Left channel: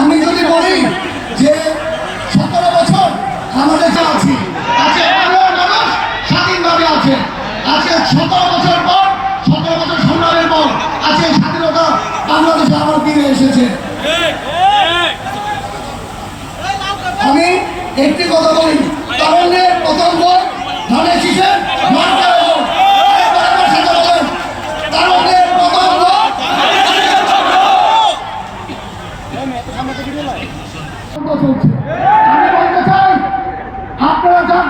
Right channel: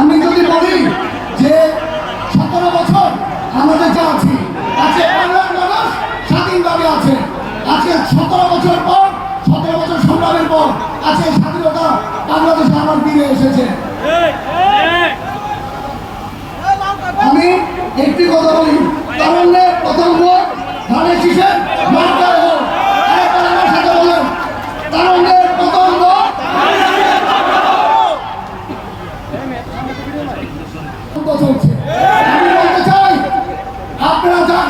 আমি যদি বলি যে সতেরো বছর আমাদের যা আছি, আজকে বাংলার মানুষ স্বাধীনভাবে আছে। আজকে সতেরো বছর পর, সতেরো বছর সংগ্রামের পর আজকে স্বাধীনতা বাংলাদেশে আমার ফিরে এসেছে। আমি একটি কথা বলি, কারণ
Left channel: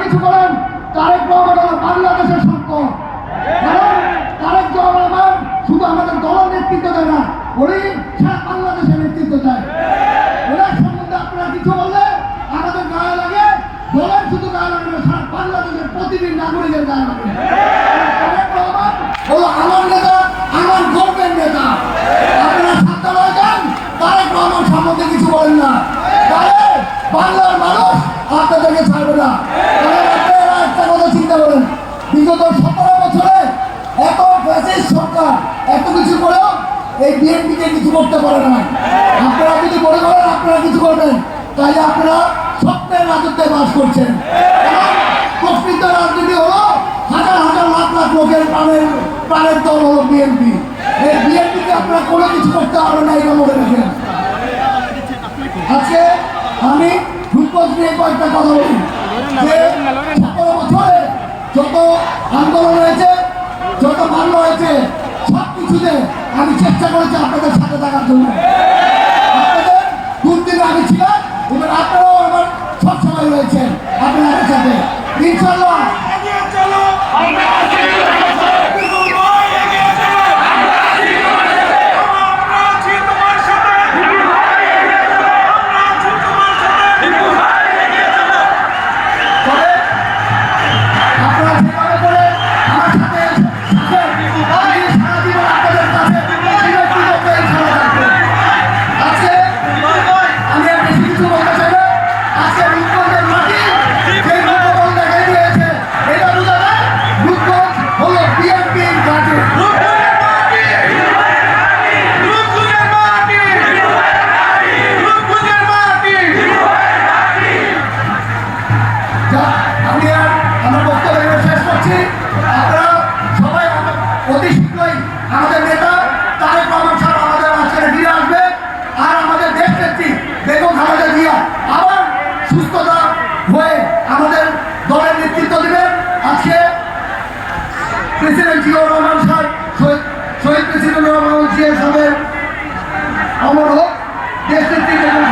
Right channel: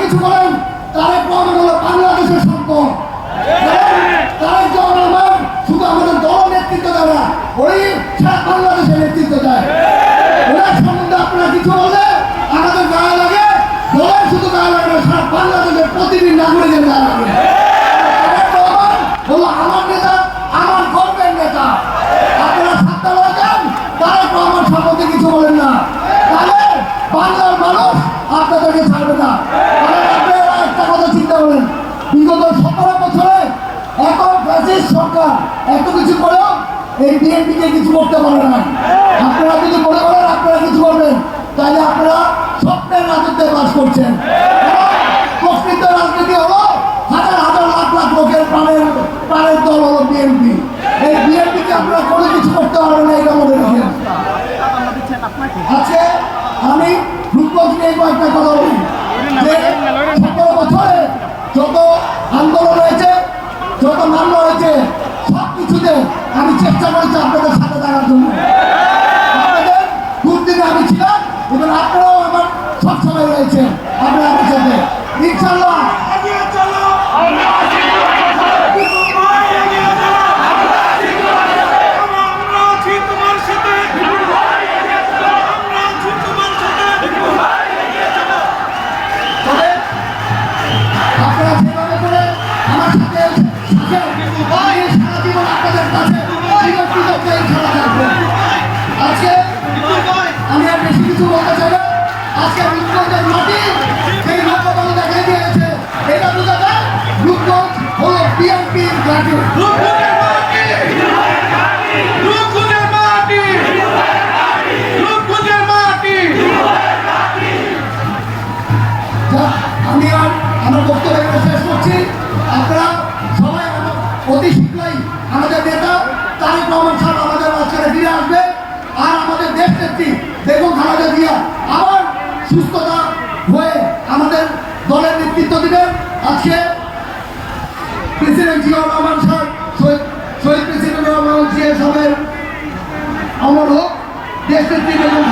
কিছু করেন, তারেক রহমান হলো বাংলাদেশের সম্পদ তারেক রহমান শুধু আমাদের দল নেতৃত্ব দেয় না ওই সারা বাংলাদেশের নেতৃত্ব দেয়। ওনার সম্বন্ধে আপনারা কিছু বলে আমাদের গায়ে লাগে দলের শুধু গায়ে লাগে না, সারা বাংলাদেশের প্রতিদিন নাগরিকের গায়ে লাগে। তারেক রহমান হলো আমার নেতা এই বিএনপিকে কিছু করতে পারে না Hallelujah. আমরা বক্তব্য এখানে শেষ করছি। আপনারা সবাই অতি শীঘ্রই আমাদের নেতা তার রহমান সাহেব আমাদের মাঝখানে ফিরে আসবে। আর আমাদের দেশ নেত্রী দেখুন খালেদা জিয়া আবার সুস্থতা হয়ে আমাদের দলের নেতৃত্ব দিবে। আজকে প্রেসিডেন্ট জিয়াউর রহমান সাহেব শহীদ প্রেসিডেন্ট রহমান জিয়া সাহেবের অমর হোক। দেশ নেত্রী বেগম